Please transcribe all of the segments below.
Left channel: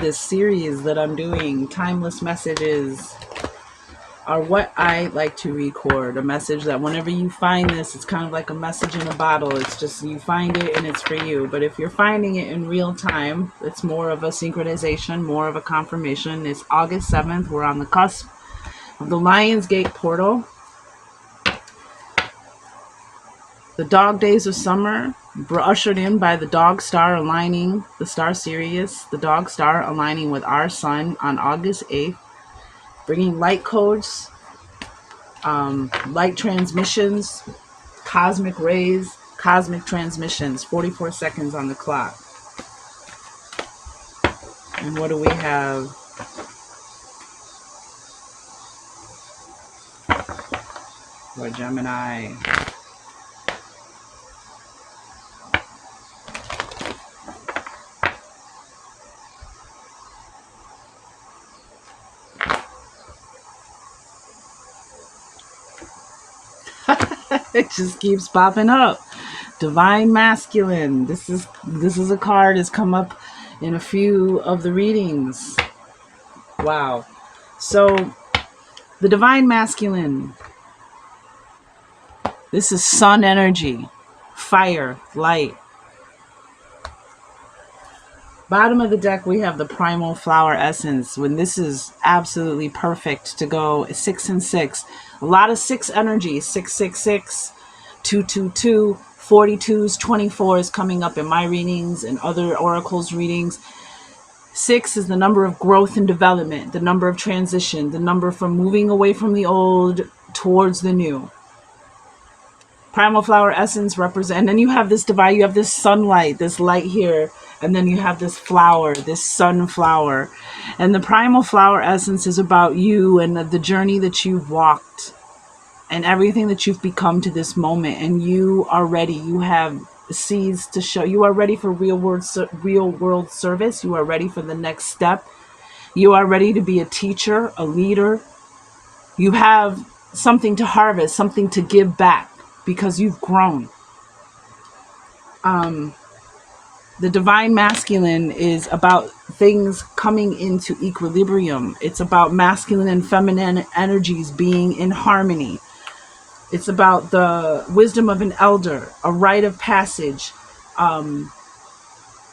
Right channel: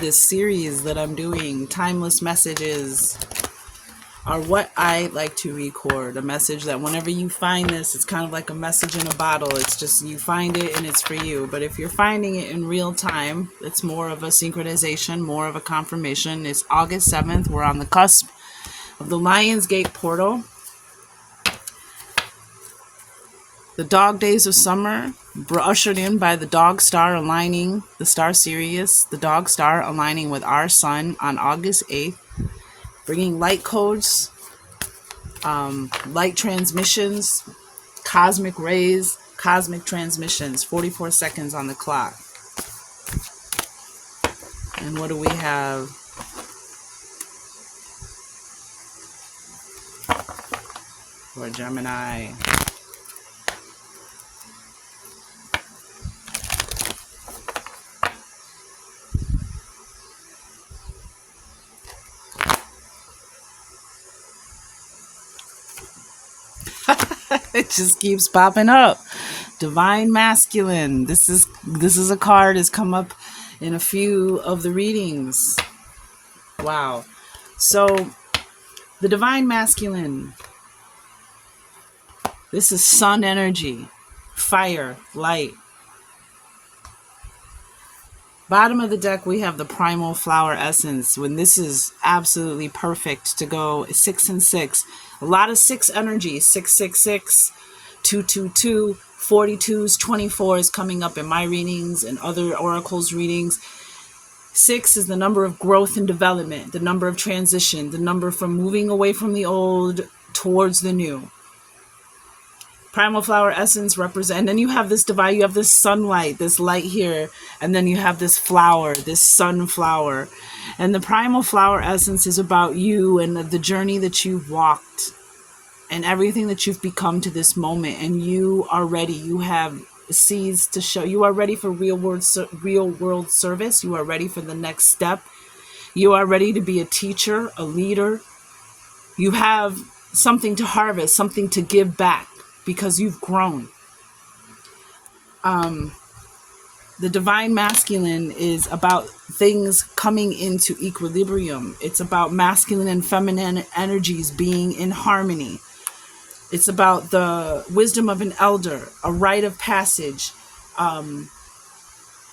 this series that I'm doing, Timeless Messages, are what I like to record. A message that whenever you find this, it's kind of like a message in a bottle. It's just you find it and it's for you. But if you're finding it in real time, it's more of a synchronization, more of a confirmation. It's August 7th. We're on the cusp of the Lionsgate portal. The dog days of summer were ushered in by the dog star aligning, the star Sirius, the dog star aligning with our sun on August 8th, bringing light codes, light transmissions, cosmic rays, cosmic transmissions, 44 seconds on the clock. And what do we have? For Gemini. It just keeps popping up. Divine Masculine. This is a card that's come up in a few of the readings. Wow. So the Divine Masculine. This is sun energy, fire, light. Bottom of the deck, we have the Primal Flower Essence. When this is absolutely perfect to go 6 and 6. A lot of 6 energy, 666, 222, 42s, 24s coming up in my readings and other oracles readings. 6 is the number of growth and development, the number of transition, the number from moving away from the old towards the new. Primal Flower Essence represent, and then you have this divine, you have this sunlight, this light here, and then you have this flower, this sunflower. And the Primal Flower Essence is about you and the journey that you've walked and everything that you've become to this moment. And you are ready. You have seeds to show. You are ready for real world service. You are ready for the next step. You are ready to be a teacher, a leader. You have something to harvest, something to give back, because you've grown. The Divine Masculine is about things coming into equilibrium. It's about masculine and feminine energies being in harmony. It's about the wisdom of an elder, a rite of passage,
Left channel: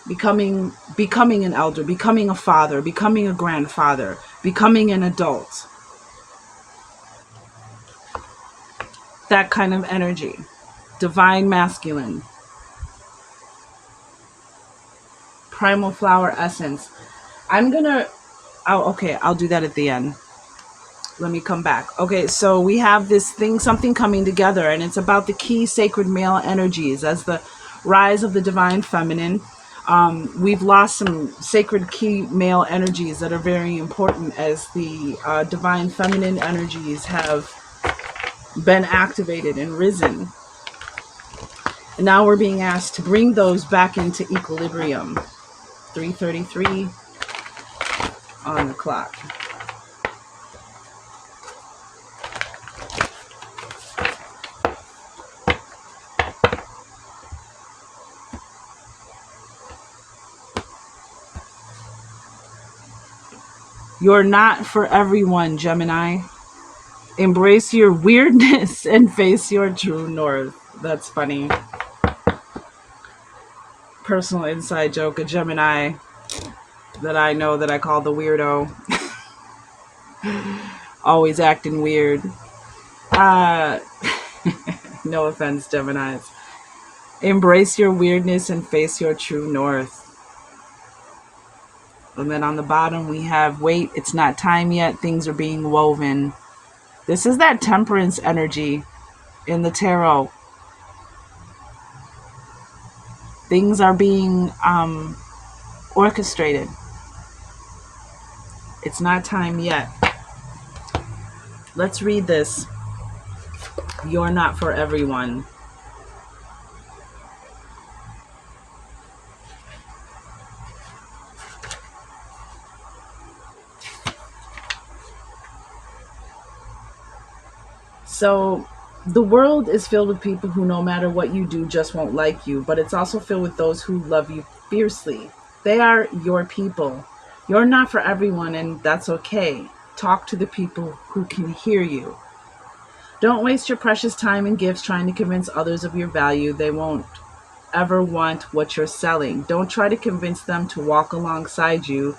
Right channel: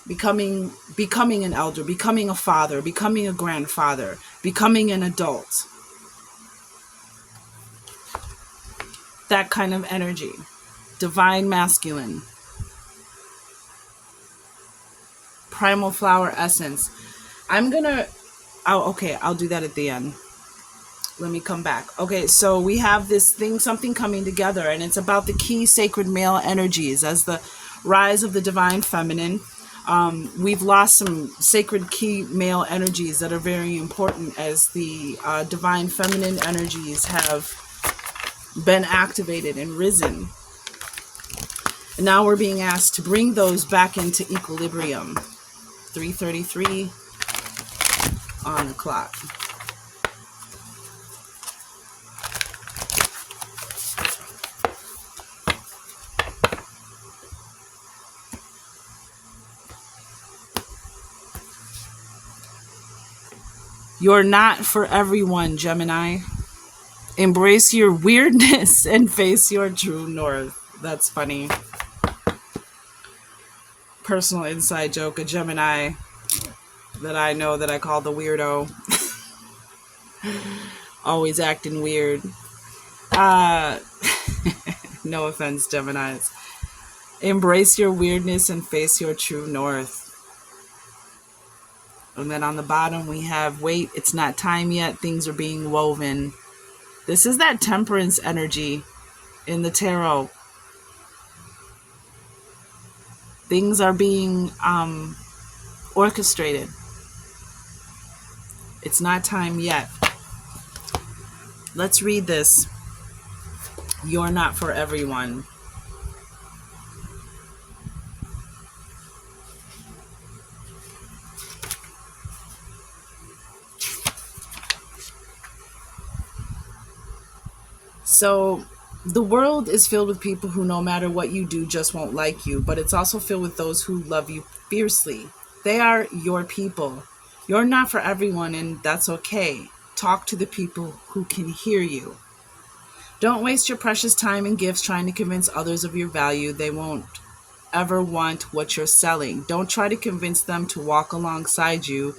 becoming an elder, becoming a father, becoming a grandfather, becoming an adult. That kind of energy. Divine Masculine. Primal Flower Essence. I'll do that at the end. Let me come back. Okay, so we have this thing, something coming together, and it's about the key sacred male energies as the rise of the divine feminine. We've lost some sacred key male energies that are very important as the divine feminine energies have been activated and risen. And now we're being asked to bring those back into equilibrium. 3:33 on the clock. You're not for everyone, Gemini. Embrace your weirdness and face your true north. That's funny. Personal inside joke, a Gemini that I know that I call the weirdo. Always acting weird. No offense, Geminis. Embrace your weirdness and face your true north. And then on the bottom we have, wait, it's not time yet. Things are being woven. This is that temperance energy in the tarot. Things are being orchestrated. It's not time yet. Let's read this. You're not for everyone. So the world is filled with people who, no matter what you do, just won't like you. But it's also filled with those who love you fiercely. They are your people. You're not for everyone, and that's okay. Talk to the people who can hear you. Don't waste your precious time and gifts trying to convince others of your value. They won't ever want what you're selling. Don't try to convince them to walk alongside you.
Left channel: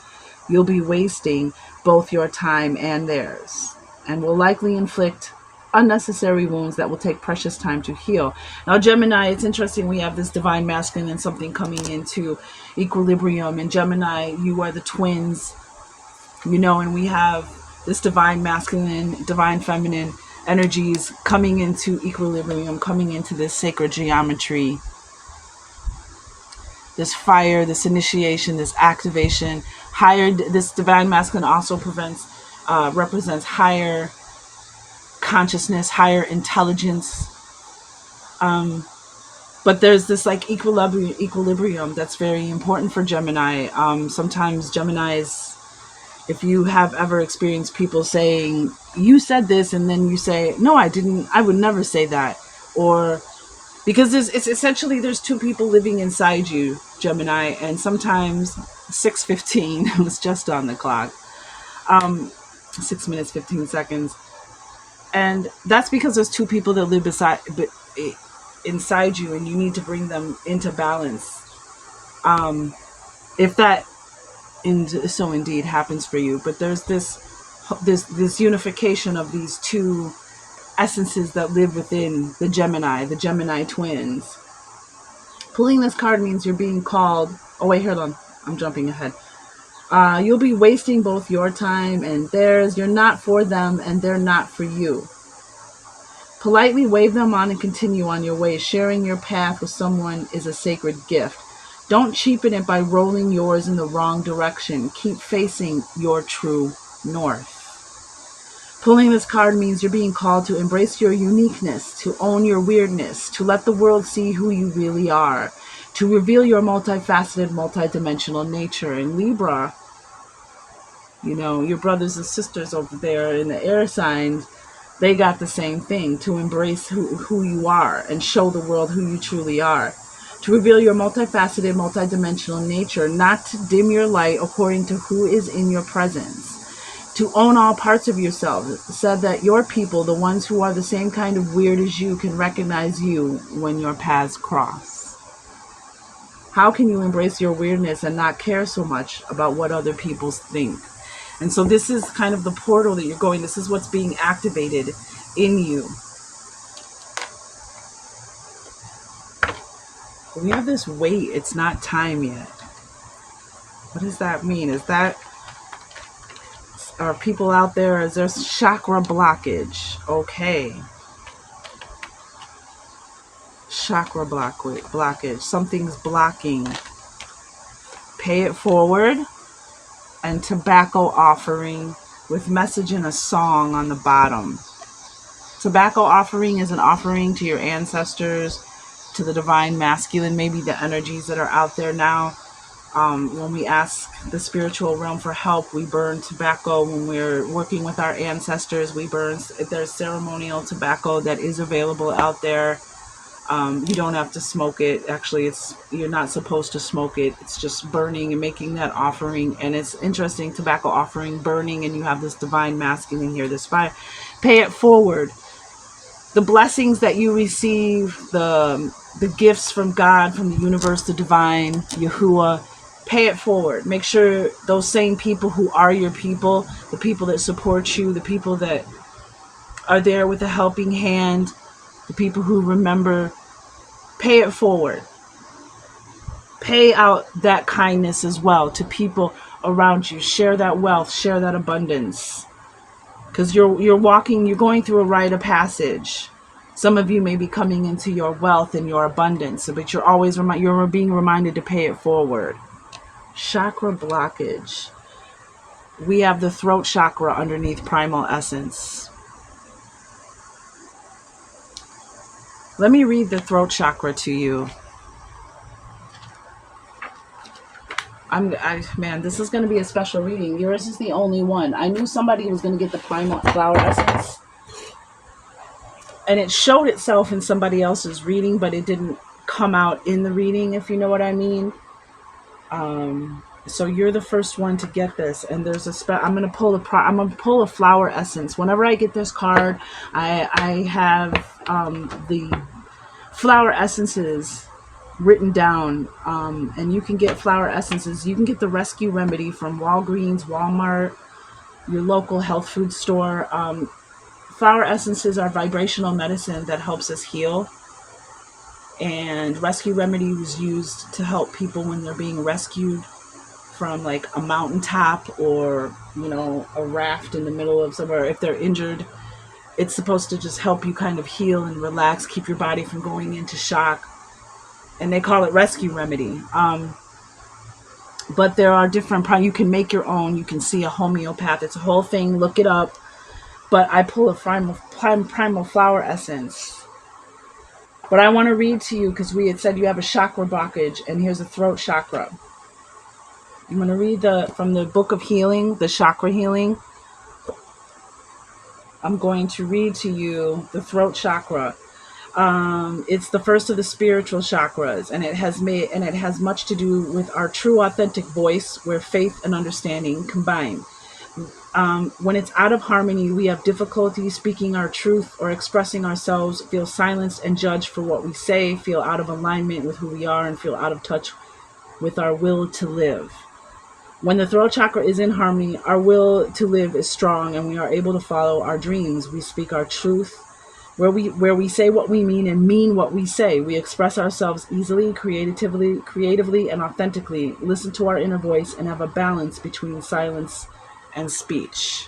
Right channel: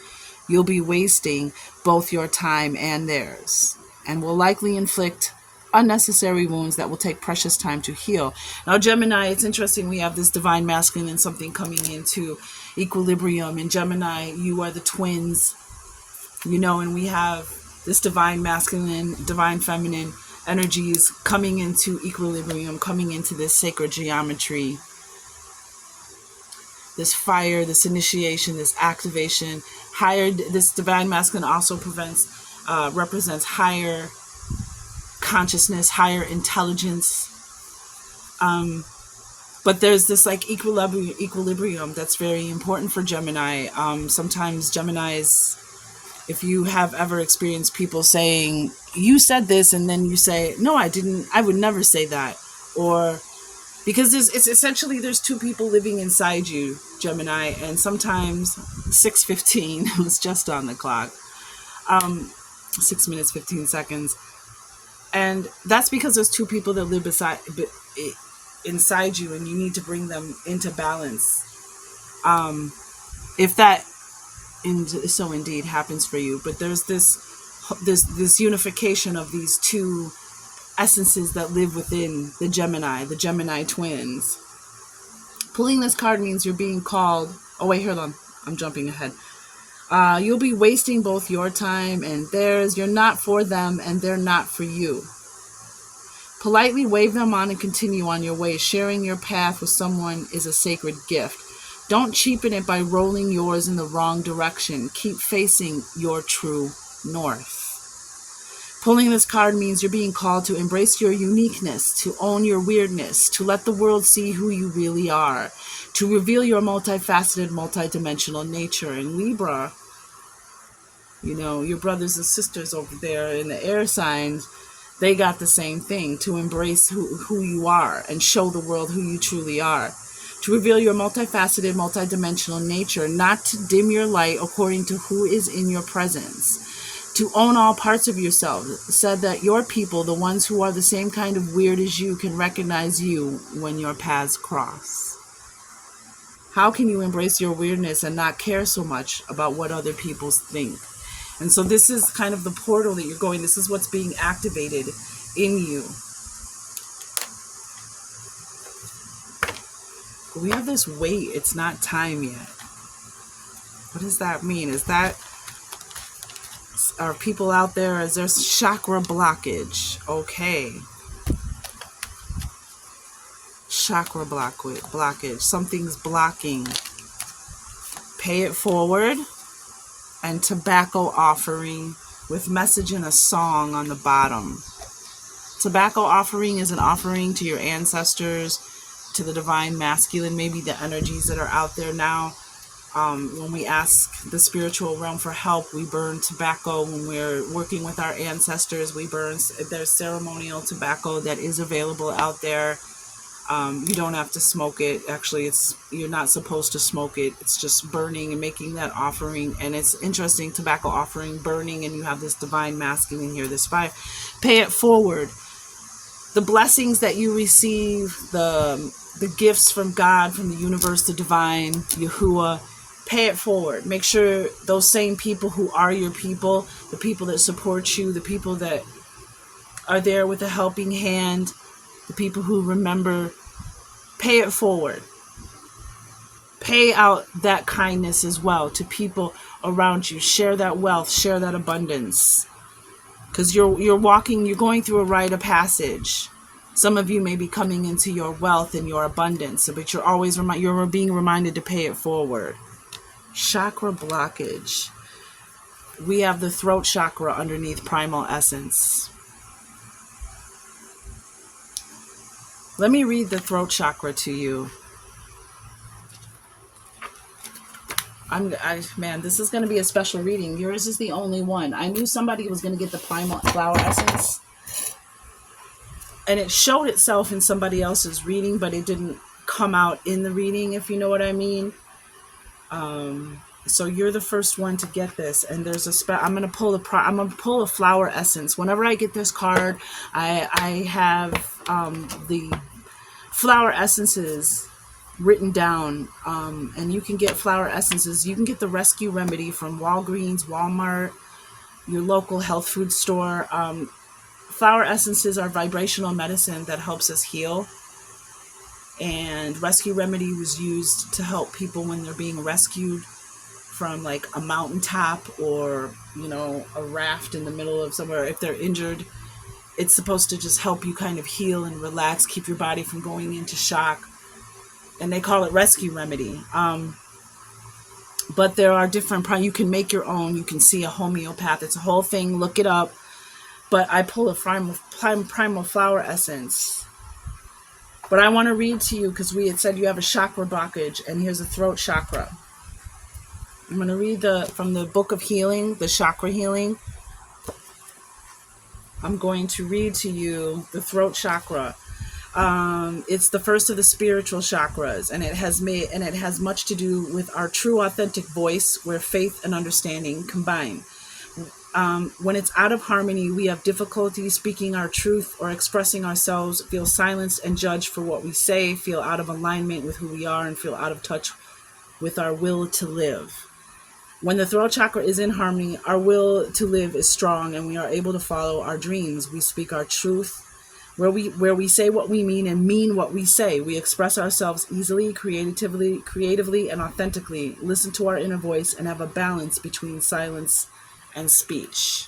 You'll be wasting both your time and theirs, and will likely inflict unnecessary wounds that will take precious time to heal. Now, Gemini, it's interesting. We have this divine masculine and something coming into equilibrium. And Gemini, you are the twins, and we have this divine masculine, divine feminine energies coming into equilibrium, coming into this sacred geometry, this fire, this initiation, this activation. This divine masculine also represents higher consciousness, higher intelligence. But there's this like equilibrium that's very important for Gemini. Sometimes Geminis, if you have ever experienced people saying, you said this, and then you say, no, I didn't, I would never say that. Or because it's essentially there's two people living inside you, Gemini, and sometimes 6:15 was just on the clock. 6 minutes 15 seconds. And that's because there's two people that live inside you, and you need to bring them into balance. If that so indeed happens for you, but there's this unification of these two essences that live within the Gemini twins. Pulling this card means you're being called. Oh wait, hold on, I'm jumping ahead. You'll be wasting both your time and theirs. You're not for them and they're not for you. Politely wave them on and continue on your way. Sharing your path with someone is a sacred gift. Don't cheapen it by rolling yours in the wrong direction. Keep facing your true north. Pulling this card means you're being called to embrace your uniqueness, to own your weirdness, to let the world see who you really are, to reveal your multifaceted, multidimensional nature. In Libra, your brothers and sisters over there in the air signs, they got the same thing, to embrace who you are and show the world who you truly are. To reveal your multifaceted, multidimensional nature, not to dim your light according to who is in your presence. To own all parts of yourself, so that your people, the ones who are the same kind of weird as you, can recognize you when your paths cross. How can you embrace your weirdness and not care so much about what other people think? And so this is kind of the portal that you're going. This is what's being activated in you. We have this wait. It's not time yet. What does that mean? Are people out there? Is there chakra blockage? Okay. Chakra blockage. Something's blocking. Pay it forward. And tobacco offering with message in a song on the bottom. Tobacco offering is an offering to your ancestors, to the divine masculine, maybe the energies that are out there now. When we ask the spiritual realm for help, we burn tobacco. When we're working with our ancestors, there's ceremonial tobacco that is available out there. You don't have to smoke it. Actually, you're not supposed to smoke it. It's just burning and making that offering. And it's interesting, tobacco offering, burning, and you have this divine masculine here, this fire. Pay it forward. The blessings that you receive, the gifts from God, from the universe, the divine, Yahuwah, pay it forward. Make sure those same people who are your people, the people that support you, the people that are there with a helping hand, the people who remember, pay it forward. Pay out that kindness as well to people around you. Share that wealth, share that abundance. Because you're going through a rite of passage. Some of you may be coming into your wealth and your abundance, but you're being reminded to pay it forward. Chakra blockage. We have the throat chakra underneath primal essence. Let me read the throat chakra to you. Man, this is going to be a special reading. Yours is the only one. I knew somebody was going to get the primal flower essence. And it showed itself in somebody else's reading, but it didn't come out in the reading, if you know what I mean. So you're the first one to get this, and there's I'm gonna pull I'm gonna pull a flower essence. Whenever I get this card, I have the flower essences written down, and you can get flower essences. You can get the Rescue Remedy from Walgreens, Walmart, your local health food store. Flower essences are vibrational medicine that helps us heal. And Rescue Remedy was used to help people when they're being rescued from like a mountaintop or, a raft in the middle of somewhere. If they're injured, it's supposed to just help you kind of heal and relax, keep your body from going into shock. And they call it Rescue Remedy. But there are different, you can make your own. You can see a homeopath. It's a whole thing. Look it up. But I pull a primal flower essence. But I want to read to you because we had said you have a chakra blockage, and here's a throat chakra. I'm going to read from the Book of Healing, the chakra healing. I'm going to read to you the throat chakra. It's the first of the spiritual chakras, and it has much to do with our true authentic voice, where faith and understanding combine. When it's out of harmony, we have difficulty speaking our truth or expressing ourselves, feel silenced and judged for what we say, feel out of alignment with who we are, and feel out of touch with our will to live. When the throat chakra is in harmony, our will to live is strong, and we are able to follow our dreams. We speak our truth, where we say what we mean and mean what we say. We express ourselves easily, creatively, and authentically. Listen to our inner voice and have a balance between silence and speech.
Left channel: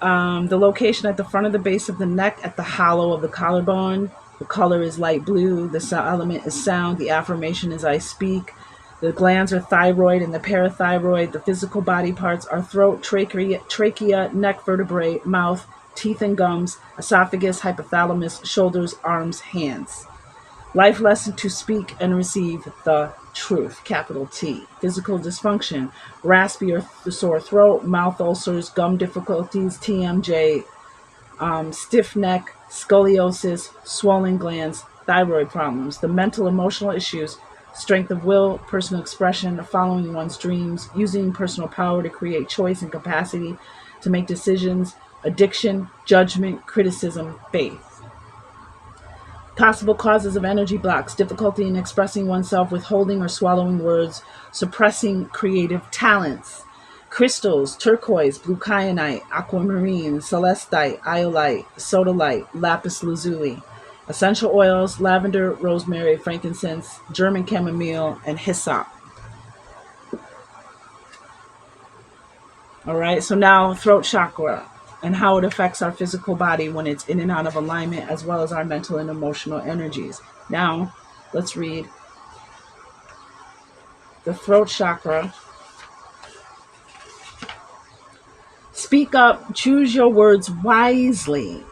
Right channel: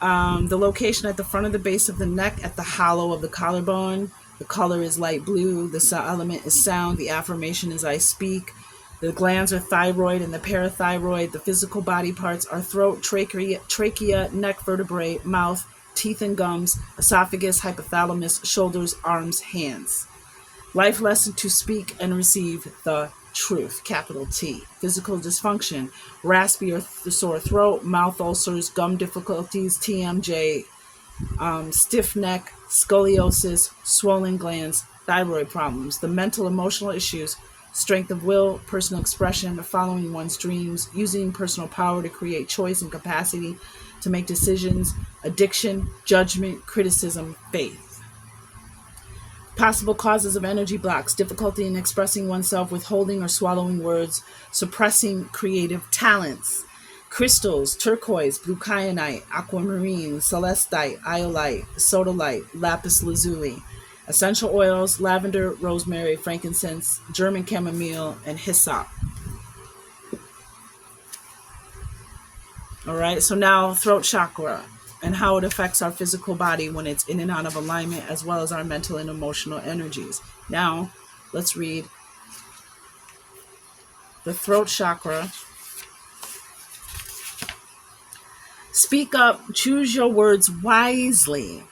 The location at the front of the base of the neck, at the hollow of the collarbone. The color is light blue. The element is sound. The affirmation is I speak. The glands are thyroid and the parathyroid. The physical body parts are throat, trachea, neck vertebrae, mouth, teeth and gums, esophagus, hypothalamus, shoulders, arms, hands. Life lesson: to speak and receive the truth, capital T. Physical dysfunction: raspy or sore throat, mouth ulcers, gum difficulties, TMJ, stiff neck, scoliosis, swollen glands, thyroid problems. The mental, emotional issues: strength of will, personal expression, following one's dreams, using personal power to create choice and capacity to make decisions, addiction, judgment, criticism, faith. Possible causes of energy blocks: difficulty in expressing oneself, withholding or swallowing words, suppressing creative talents. Crystals: turquoise, blue kyanite, aquamarine, celestite, iolite, sodalite, lapis lazuli. Essential oils: lavender, rosemary, frankincense, German chamomile, and hyssop. All right, so now throat chakra and how it affects our physical body when it's in and out of alignment, as well as our mental and emotional energies. Now, let's read the throat chakra. Speak up, choose your words wisely,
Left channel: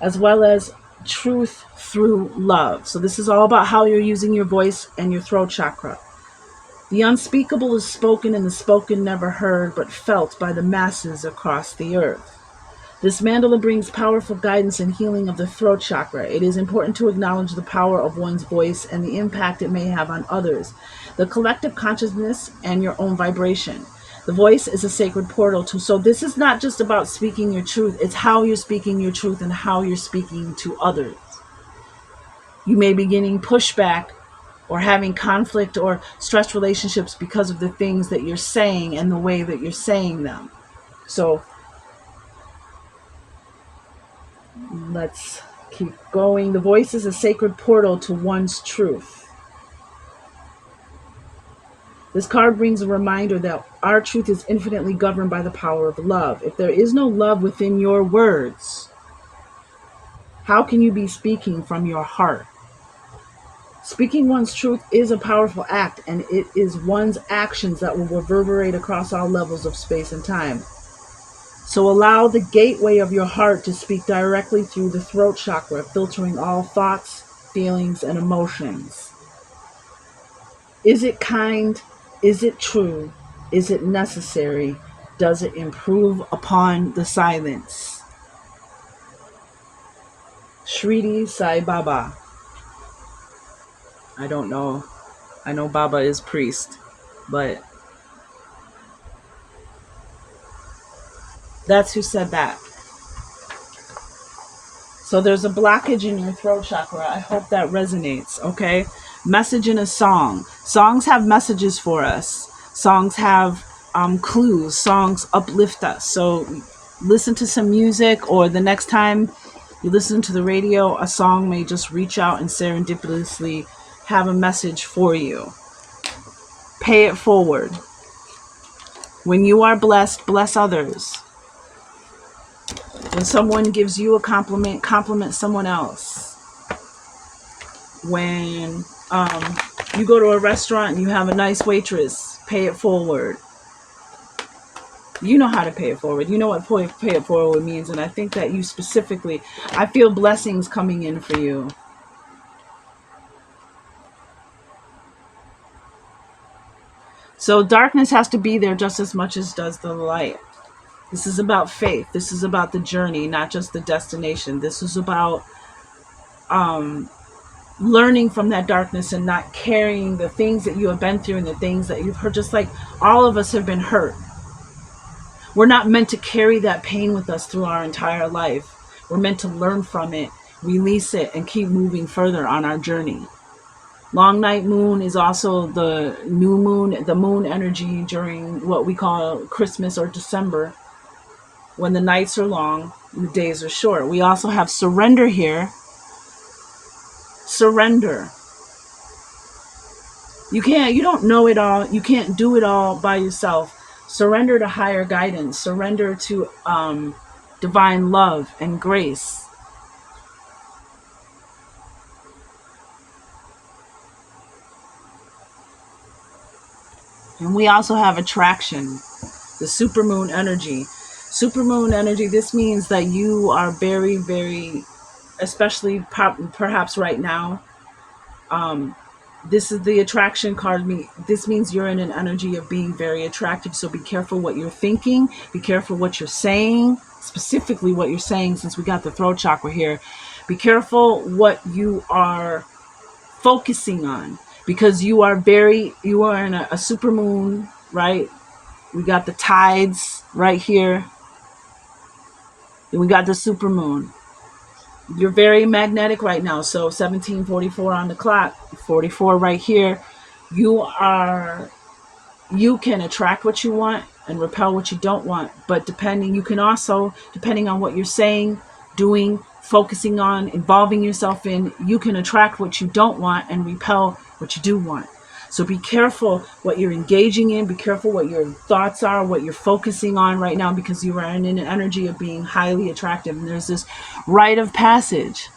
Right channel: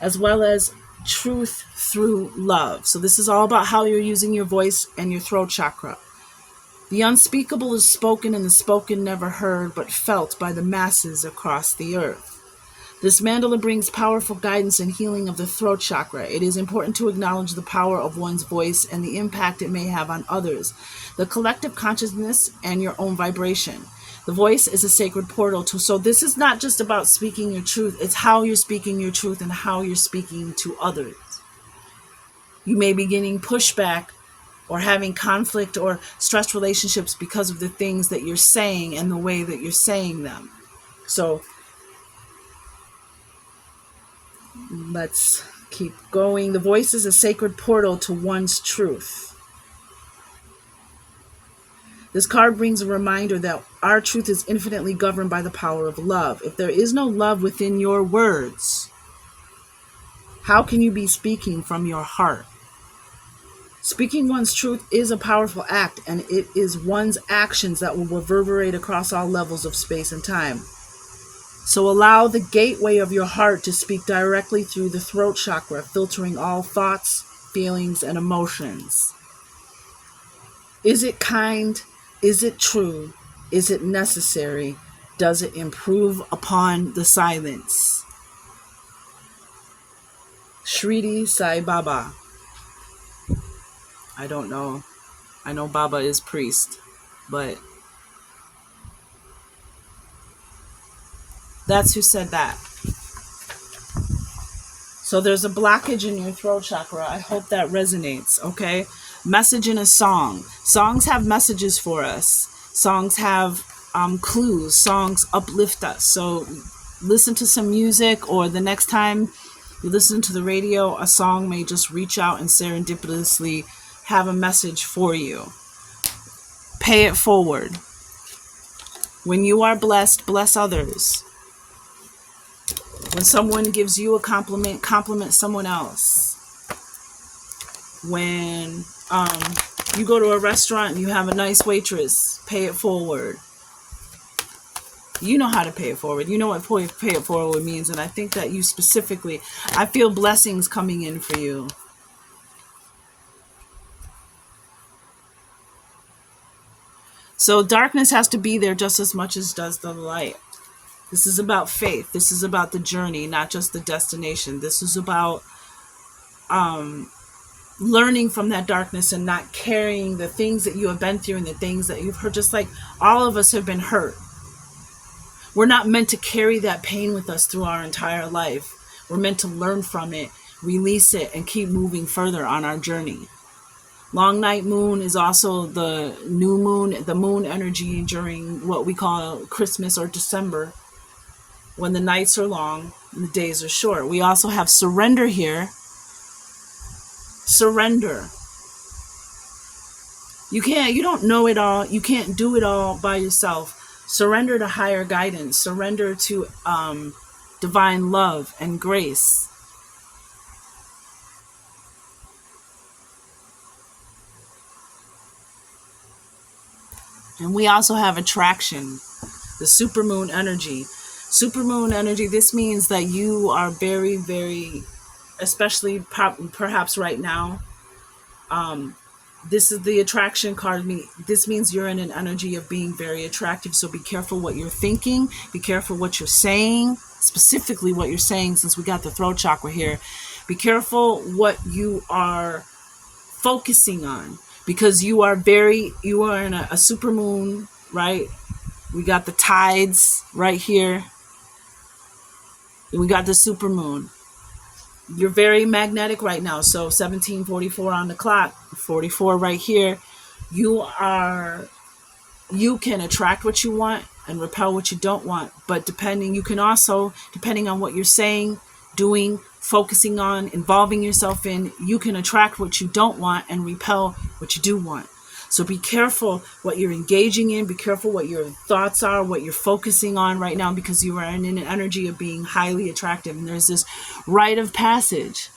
as well as truth through love. So this is all about how you're using your voice and your throat chakra. The unspeakable is spoken, and the spoken never heard, but felt by the masses across the earth. This mandala brings powerful guidance and healing of the throat chakra. It is important to acknowledge the power of one's voice and the impact it may have on others, the collective consciousness, and your own vibration. The voice is a sacred portal so this is not just about speaking your truth, it's how you're speaking your truth and how you're speaking to others. You may be getting pushback or having conflict or stressed relationships because of the things that you're saying and the way that you're saying them. So let's keep going. The voice is a sacred portal to one's truth. This card brings a reminder that our truth is infinitely governed by the power of love. If there is no love within your words, how can you be speaking from your heart? Speaking one's truth is a powerful act, and it is one's actions that will reverberate across all levels of space and time. So allow the gateway of your heart to speak directly through the throat chakra, filtering all thoughts, feelings, and emotions. Is it kind? Is it true? Is it necessary? Does it improve upon the silence? Shriti Sai Baba. I don't know I know Baba is priest, but that's who said that. So there's a blockage in your throat chakra. I hope that resonates, okay? Message in a song. Songs have messages for us. Songs have clues. Songs uplift us. So listen to some music, or the next time you listen to the radio, a song may just reach out and serendipitously have a message for you. Pay it forward. When you are blessed, bless others. When someone gives you a compliment, compliment someone else. When you go to a restaurant and you have a nice waitress, pay it forward. You know how to pay it forward. You know what pay it forward means. And I think that you specifically, I feel blessings coming in for you. So darkness has to be there just as much as does the light. This is about faith. This is about the journey, not just the destination. This is about learning from that darkness and not carrying the things that you have been through and the things that you've heard. Just like all of us have been hurt. We're not meant to carry that pain with us through our entire life. We're meant to learn from it, release it, and keep moving further on our journey. Long night moon is also the new moon, the moon energy during what we call Christmas or December, when the nights are long and the days are short. We also have surrender here. Surrender. You don't know it all. You can't do it all by yourself. Surrender to higher guidance. Surrender to divine love and grace. And we also have attraction, the supermoon energy. Supermoon energy, this means that you are very, very, especially perhaps right now, this is the attraction card. This means you're in an energy of being very attractive. So be careful what you're thinking. Be careful what you're saying, specifically what you're saying, since we got the throat chakra here. Be careful what you are focusing on, because you are in a super moon, right? We got the tides right here. And we got the super moon. You're very magnetic right now. So 1744 on the clock, 44 right here. You can attract what you want and repel what you don't want. But you can also, depending on what you're saying, doing, focusing on, involving yourself in, you can attract what you don't want and repel what you do want. So be careful what you're engaging in. Be careful what your thoughts are, what you're focusing on right now, because you are in an energy of being highly attractive. And there's this rite of passage.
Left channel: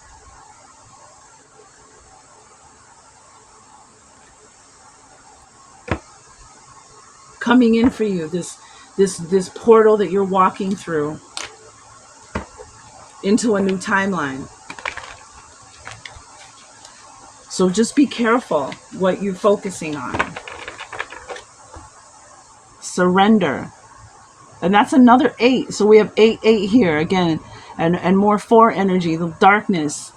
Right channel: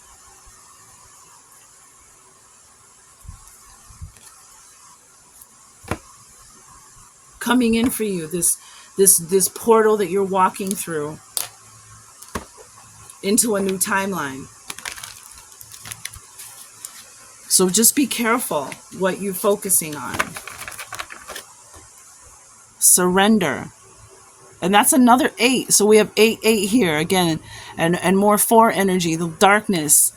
Coming in for you, this portal that you're walking through into a new timeline. So just be careful what you're focusing on. Surrender. And that's another 8. So we have 8 here again, and more 4 energy, the darkness.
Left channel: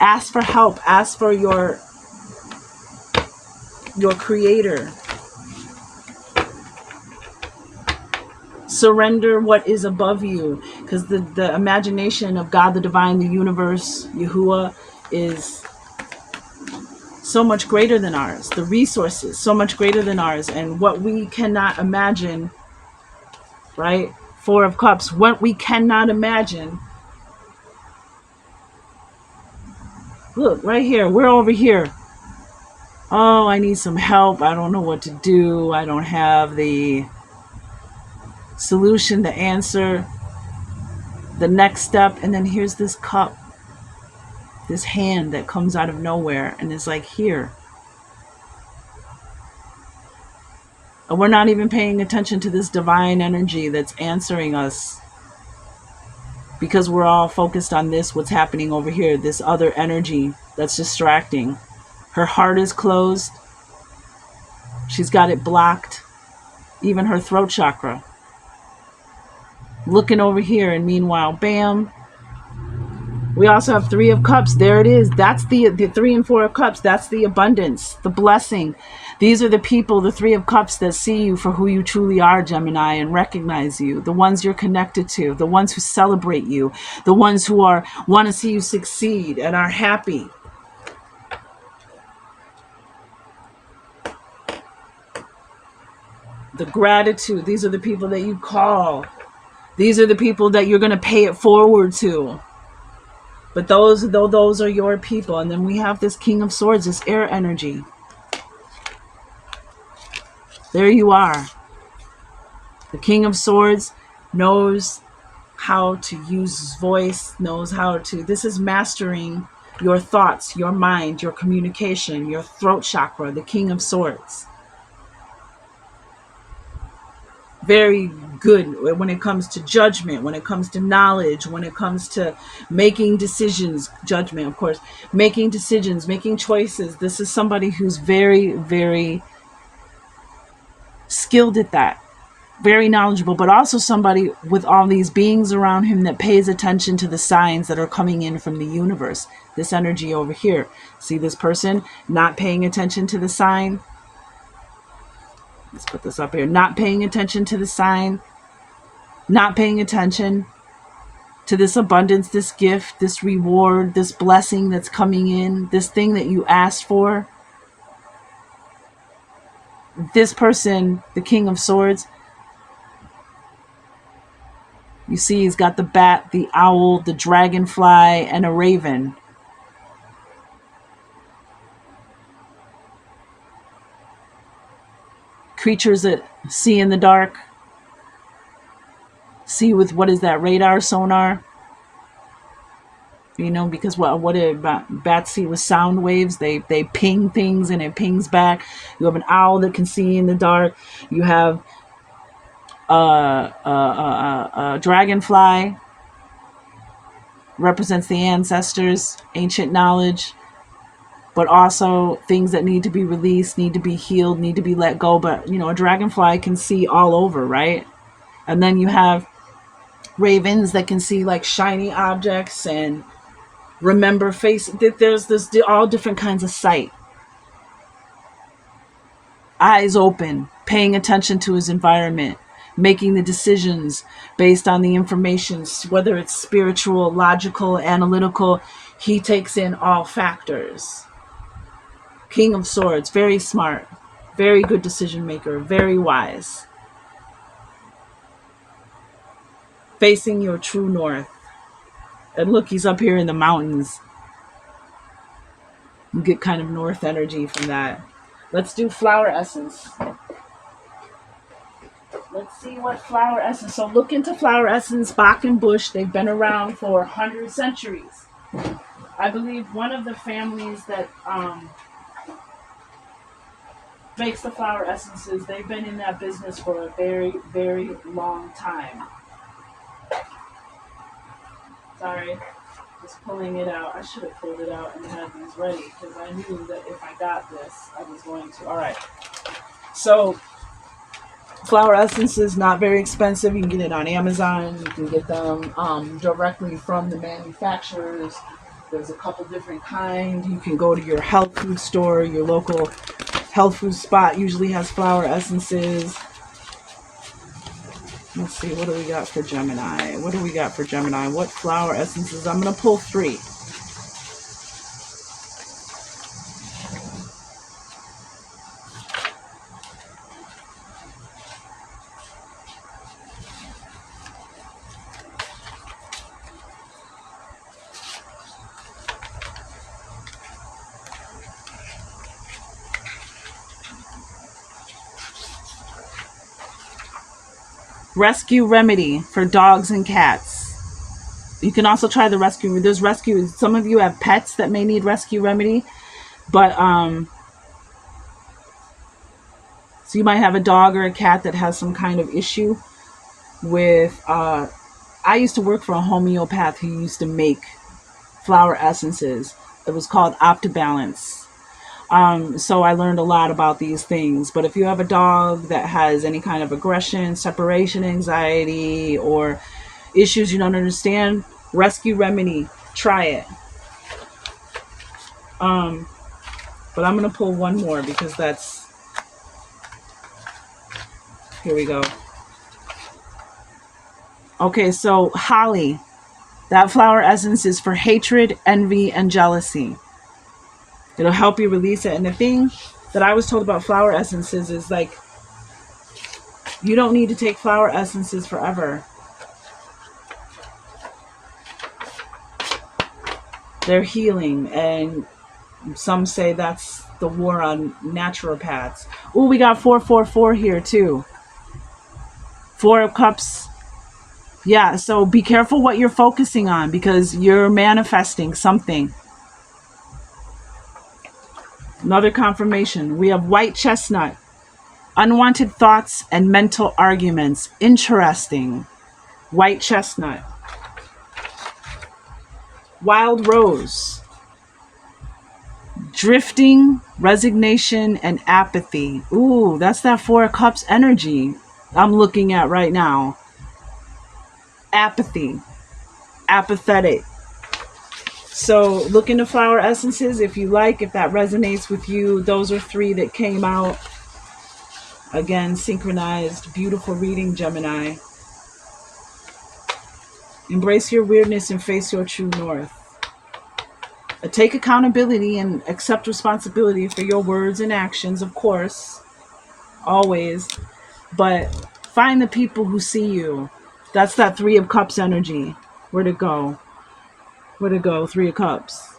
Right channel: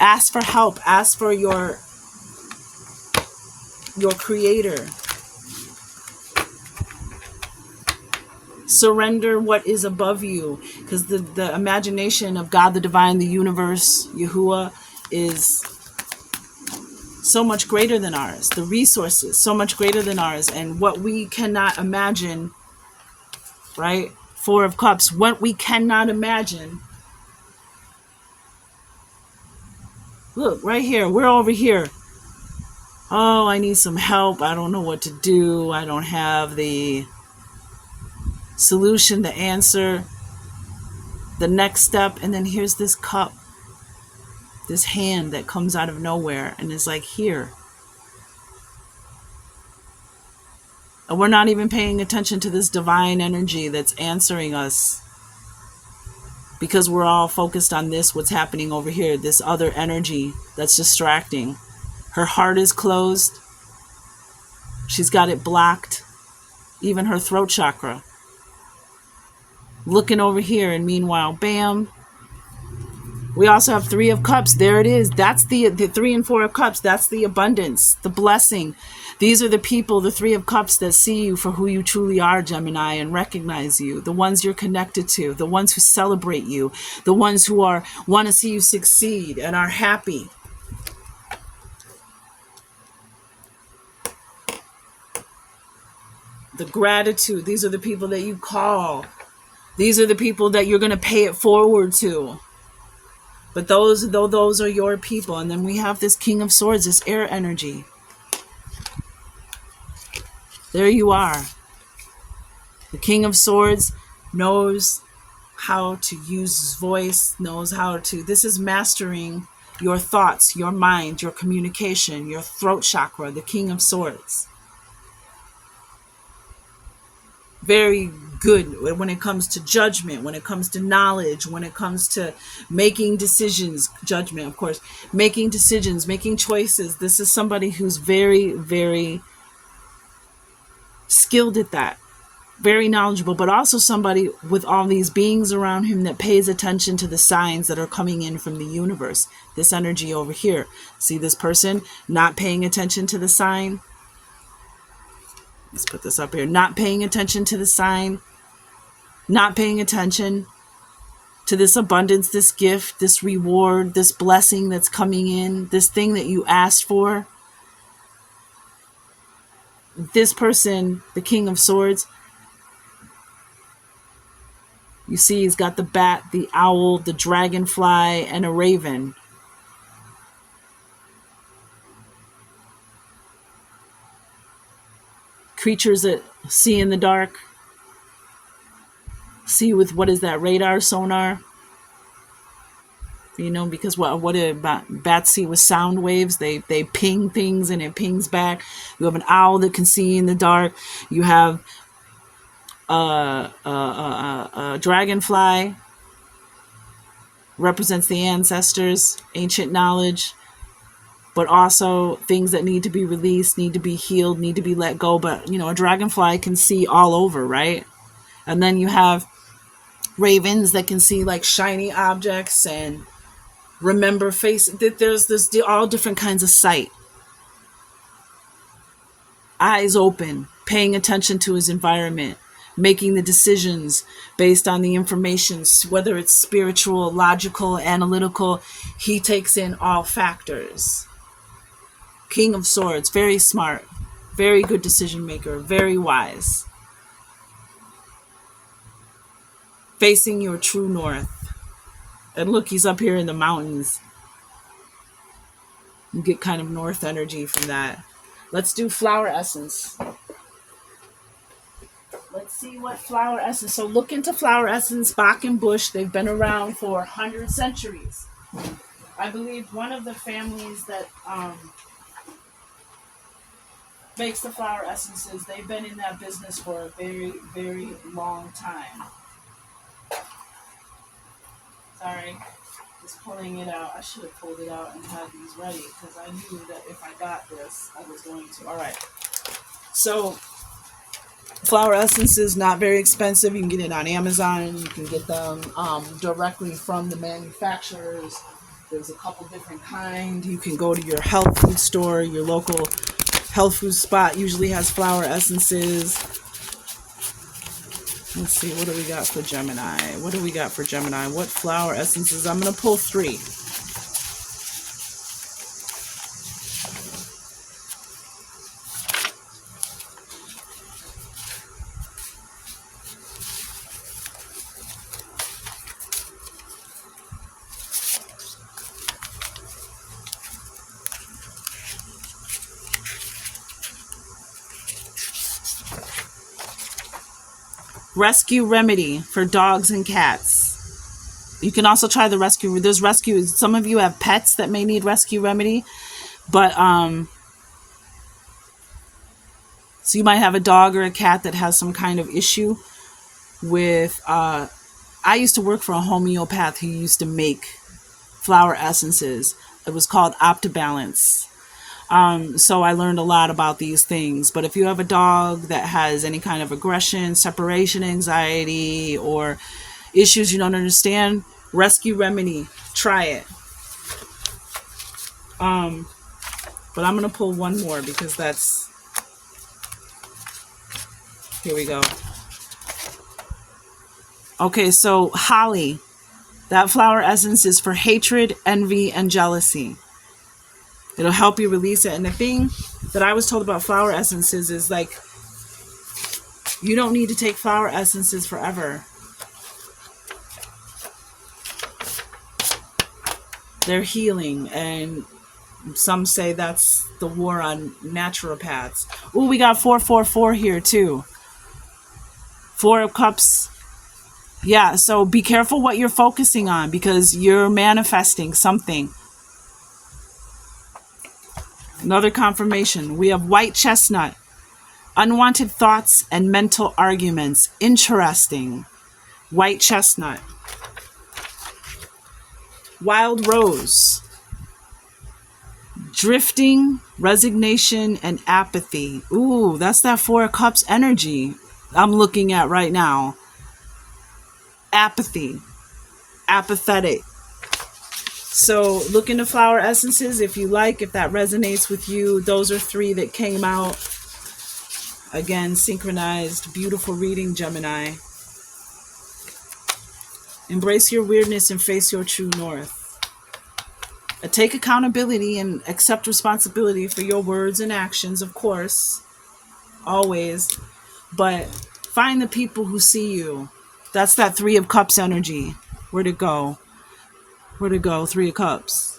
Ask for help. Ask for your creator. Surrender what is above you, because the imagination of God, the divine, the universe, Yahuwah, is so much greater than ours. The resources so much greater than ours, and what we cannot imagine, right? 4 of Cups, what we cannot imagine. Look, right here, we're over here. Oh, I need some help. I don't know what to do. I don't have the solution, the answer, the next step. And then here's this cup, this hand that comes out of nowhere and is like, here. And we're not even paying attention to this divine energy that's answering us, because we're all focused on this, what's happening over here, this other energy that's distracting. Her heart is closed. She's got it blocked. Even her throat chakra. Looking over here, and meanwhile, bam, We also have Three of Cups. There it is. That's the Three and Four of Cups. That's the abundance, the blessing. These are the people, the Three of Cups, that see you for who you truly are, Gemini, and recognize you. The ones you're connected to, the ones who celebrate you, the ones who want to see you succeed and are happy. The gratitude. These are the people that you call. These are the people that you're going to pay it forward to. But those are your people. And then we have this King of Swords, this air energy. There you are. The King of Swords knows how to use his voice, knows how to... This is mastering your thoughts, your mind, your communication, your throat chakra, the King of Swords. Very good when it comes to judgment, when it comes to knowledge, when it comes to making decisions. Judgment, of course. Making decisions, making choices. This is somebody who's very, very skilled at that. Very knowledgeable, but also somebody with all these beings around him that pays attention to the signs that are coming in from the universe. This energy over here. See this person not paying attention to the sign? Let's put this up here. Not paying attention to the sign. Not paying attention to this abundance, this gift, this reward, this blessing that's coming in, this thing that you asked for. This person, the King of Swords, you see he's got the bat, the owl, the dragonfly, and a raven. Creatures that see in the dark. See with, what is that, radar, sonar? You know, because what about bats see with sound waves? They ping things and it pings back. You have an owl that can see in the dark. You have a dragonfly, represents the ancestors, ancient knowledge, but also things that need to be released, need to be healed, need to be let go. But, you know, a dragonfly can see all over, right? And then you have ravens that can see like shiny objects and remember face. There's all different kinds of sight. Eyes open, paying attention to his environment, making the decisions based on the information, whether it's spiritual, logical, analytical. He takes in all factors. King of Swords, very smart, very good decision maker, very wise. Facing your true north. And look, he's up here in the mountains. You get kind of north energy from that. Let's do flower essence. Let's see what flower essence. So look into flower essence, Bach and Bush. They've been around for 100 centuries. I believe one of the families that makes the flower essences, they've been in that business for a very, very long time. Sorry, just pulling it out. I should have pulled it out and had these ready because I knew that if I got this, I was going to. All right. So flower essences, not very expensive. You can get it on Amazon. You can get them directly from the manufacturers. There's a couple different kinds. You can go to your health food store. Your local health food spot usually has flower essences. Let's see, what do we got for Gemini? What do we got for Gemini? What flower essences? I'm going to pull 3. Rescue remedy for dogs and cats. You can also try the rescue. There's rescue. Some of you have pets that may need rescue remedy, but so you might have a dog or a cat that has some kind of issue with. I used to work for a homeopath who used to make flower essences. It was called Optibalance. So I learned a lot about these things. But if you have a dog that has any kind of aggression, separation anxiety, or issues you don't understand, Rescue Remedy. Try it. But I'm going to pull one more because that's... Here we go. Okay, so Holly. That flower essence is for hatred, envy, and jealousy. It'll help you release it. And the thing that I was told about flower essences is like, you don't need to take flower essences forever. They're healing, and some say that's the war on naturopaths. Ooh, we got 444 here too. 4 of Cups. Yeah, so be careful what you're focusing on because you're manifesting something. Another confirmation. We have White Chestnut. Unwanted thoughts and mental arguments. Interesting. White Chestnut. Wild Rose. Drifting, resignation, and apathy. Ooh, that's that 4 of Cups energy I'm looking at right now. Apathy. Apathetic. So look into flower essences if you like, if that resonates with you. Those are 3 that came out. Again, synchronized. Beautiful reading, Gemini. Embrace your weirdness and face your true north. Take accountability and accept responsibility for your words and actions, of course. Always. But find the people who see you. That's that 3 of Cups energy. Where'd it go? Where'd it go? 3 of Cups.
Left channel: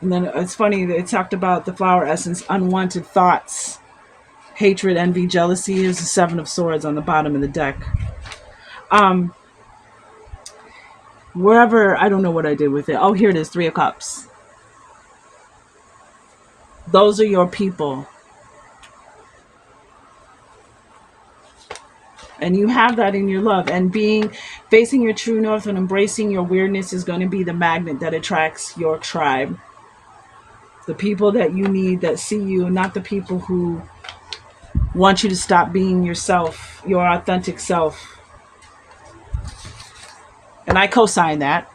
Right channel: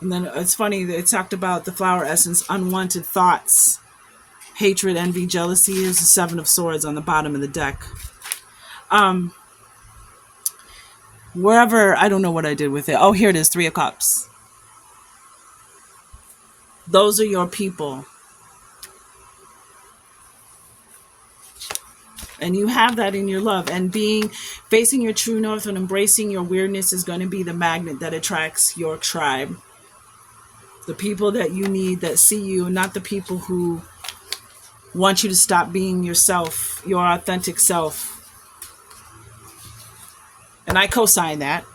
And then it's funny that it talked about the flower essence, unwanted thoughts, hatred, envy, jealousy is the 7 of Swords on the bottom of the deck. Wherever, I don't know what I did with it. Oh, here it is, 3 of Cups. Those are your people. And you have that in your love. And facing your true north and embracing your weirdness is going to be the magnet that attracts your tribe. The people that you need, that see you, not the people who want you to stop being yourself, your authentic self. And I co-sign that.